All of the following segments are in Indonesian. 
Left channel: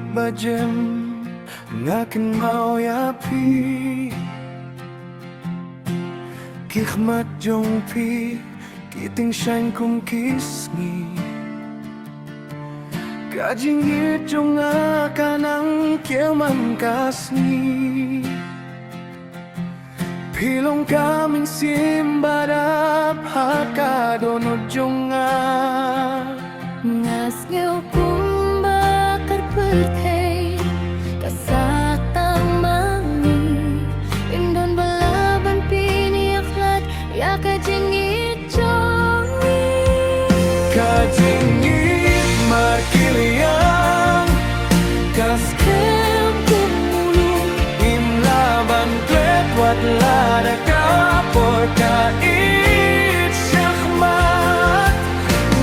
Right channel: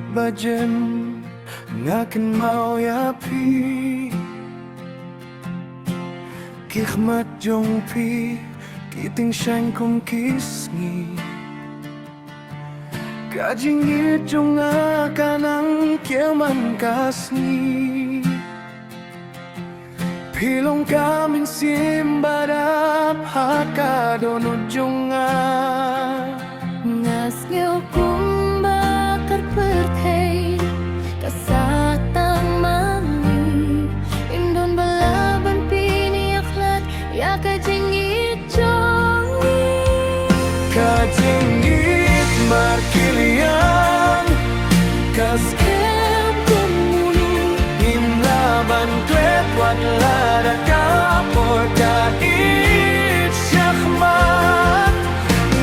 langit bajem ngaken mau yapi Kikmat jong pi kiting shang kum kisngi Kajingit jong akanang kiaman kasngi Pilong kaming simbarap hakadonod jong Ngas ngeu kum bakar pertei kasatang mangi Indon balaban pini aklat ya kajingit jongi Kajingit markiliang Kaskem kumulung Imlaban klet wat lada kapor kait syahmat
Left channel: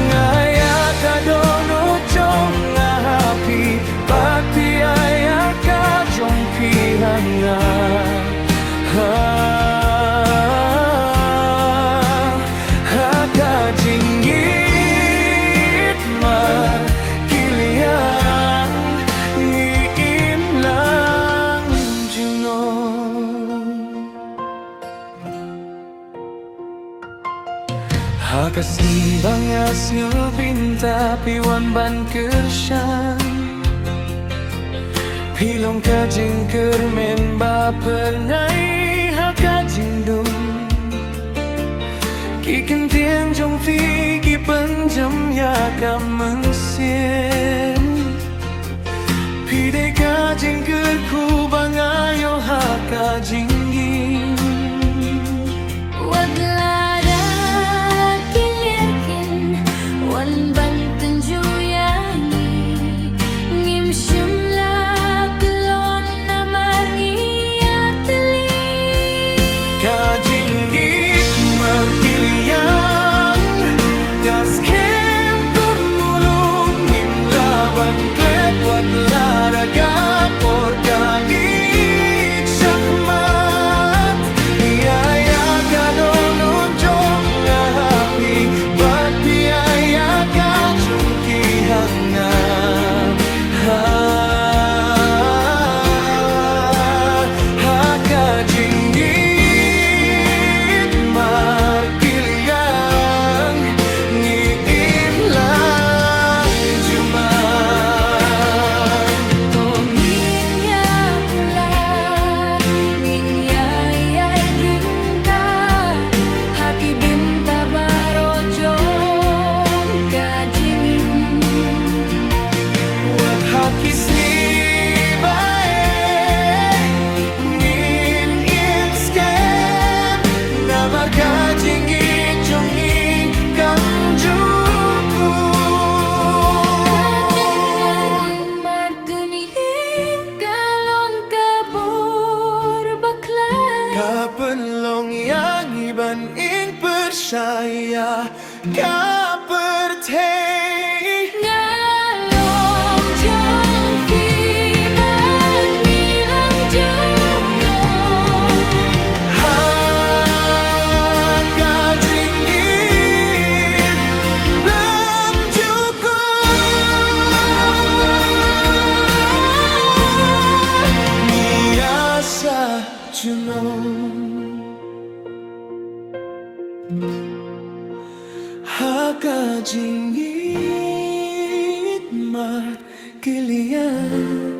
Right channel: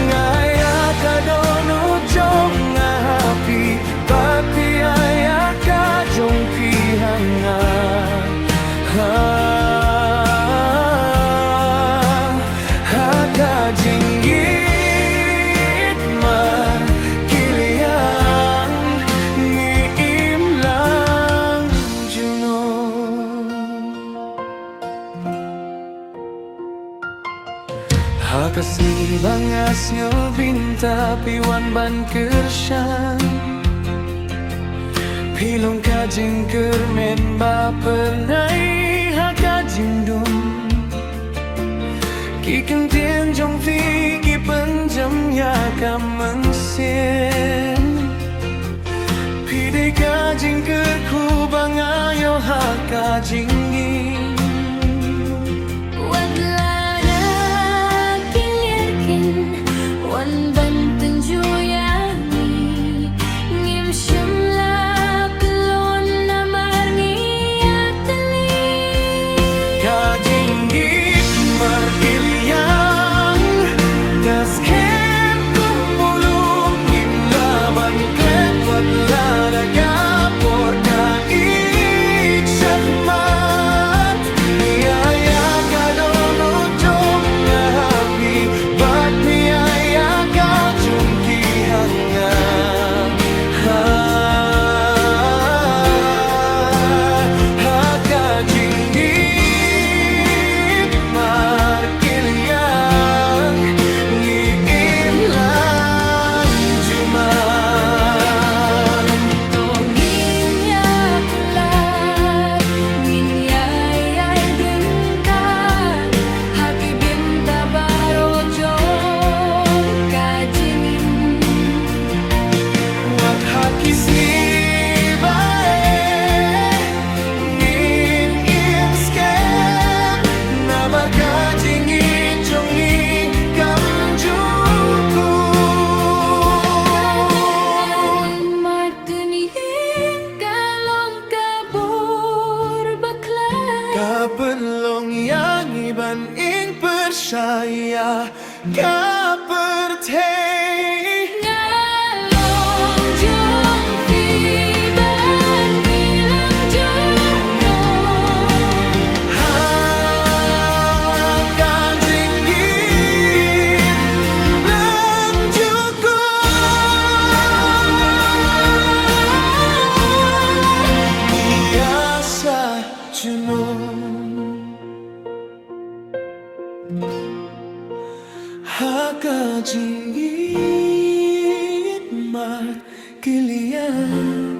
Ngaya kadono jong ngahapi Bakti aya kajong pihanga Kajingit mar kiliang ngiim lang junong Hakas ni bangas ngebinta piwan ban kersyang Pilong kajing kermen ba pernai hakajing dong Kiken tien jong fi ki penjam ya kameng sen Pide kajing kerku bangayo hakajing gin Wadlada kilirkin wan banten juyangi Ngim syumla kelon namar ngiyateli Kajing git markiliang Kaskem kumulung Imlaban klet wat lada gapor kait syakmat Biaya kadonon jong ngahapi Bat biaya kajong kihanga Kajinggit markiliang ngiim lang juman Tongin ya kulat ngin yayay drentar haki binta barojong kajingin Wat hakis ngibae ngin inskem nabar kajing ijongi kamjuku martunin kalong kabur baklan Kapelong yang iban ing percaya kapertei ngalong jong piban nilang jungong Kajinggit blang juku Niasa junong Kajinggit mar kilian